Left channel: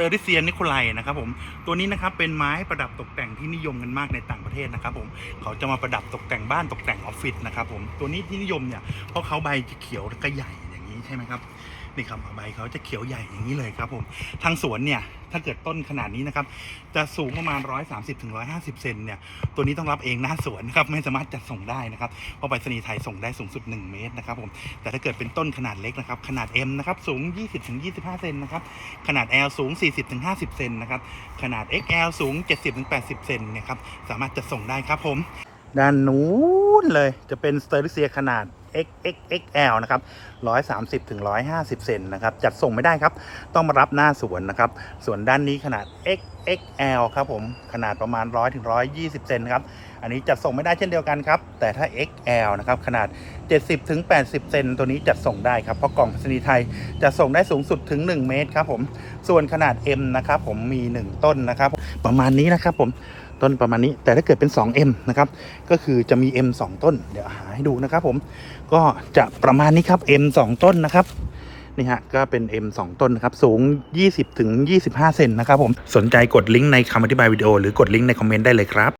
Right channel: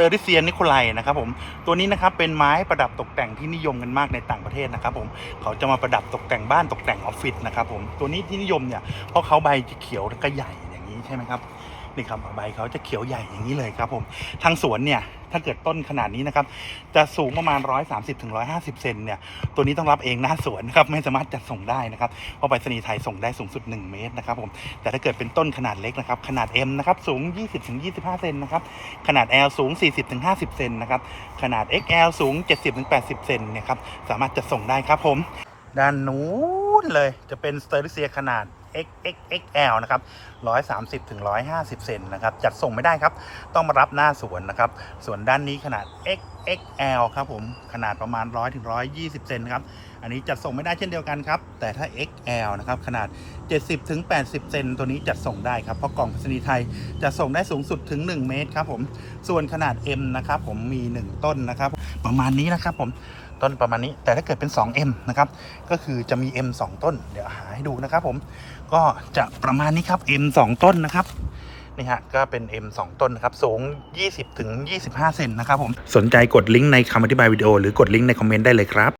เอริเซียนนิโคไลนะครับผมตัวนี้นะครับเป็นไม้ประดับตกแต่งที่นิยมกันมากในต่างประเทศนะครับผมเขาจะมาประดับตกแต่งบ้านตกแต่งออฟฟิศนะครับผมตัวนี้ที่นิยมเนี่ยเพราะเขาใบจะเขียวแล้วก็ใหญ่อย่างนี้ใช่ไหมครับ นี่ครับใบเขาจะเขียวใหญ่อย่างนี้เลยครับผมทางสวนเนี่ยถ้าเกิดต้นขนาดนี้นะครับจะสูงประมาณ 130ถึง150 เซนเนี่ยตัวนี้ต้องรับเองหน้าสวนนะครับไม่สามารถจัดส่งได้นะครับเพราะไปรษณีย์ไทยส่งได้สูงสุด 1 เมตรนะครับผมแต่ถ้าเกิดเป็นต้นขนาดเล็กนะครับขนาด M นะครับสูง 20ถึง25 เซนนะครับขนาด L สูง 40-50 เซนนะครับขนาด XL สูง 70-80 เซนเนี่ยครับสามารถจะส่งได้ครับผมด้านนู้นเลยจะเป็นสเตอริเซียขนาด XXXL นะครับ130ถึง150 เซนนะครับ จัดส่งไม่ได้ครับ ต้องมารับหน้าสวนนะครับ ส่วนด้านนี้ขนาด XXL ครับผม ขนาดประมาณ 100ถึง120 เซนครับ อันนี้จัดส่งไม่ได้เช่นเดียวกันครับ แต่ถ้า XL นะครับ ขนาด 70ถึง80 เซนตัวนี้จัดส่งได้ครับ เพราะกล่องไปรษณีไทยจะส่งได้สูงสุดถึง 1 เมตรครับผม ส่วนขนาด M นะครับผมมี 1 ต้นนะครับ ประมาณนี้นะครับผมต้นประมาณนี้ แต่ถ้าเกิดเป็น 2M นะครับ ก็คือจะมี M 2 ต้น เดี๋ยวหาให้ดูนะครับผมก็จะประมาณนี้ครับ M 2 ต้นนะครับนี่ฮะก็เป็น M 2 ต้นนะครับ สูง 20ถึง25 เซนนะครับผมสนใจกดลิงก์ในคำอธิบายวิดีโอหรือกดลิงก์ในคอมเมนต์ได้เลยครับ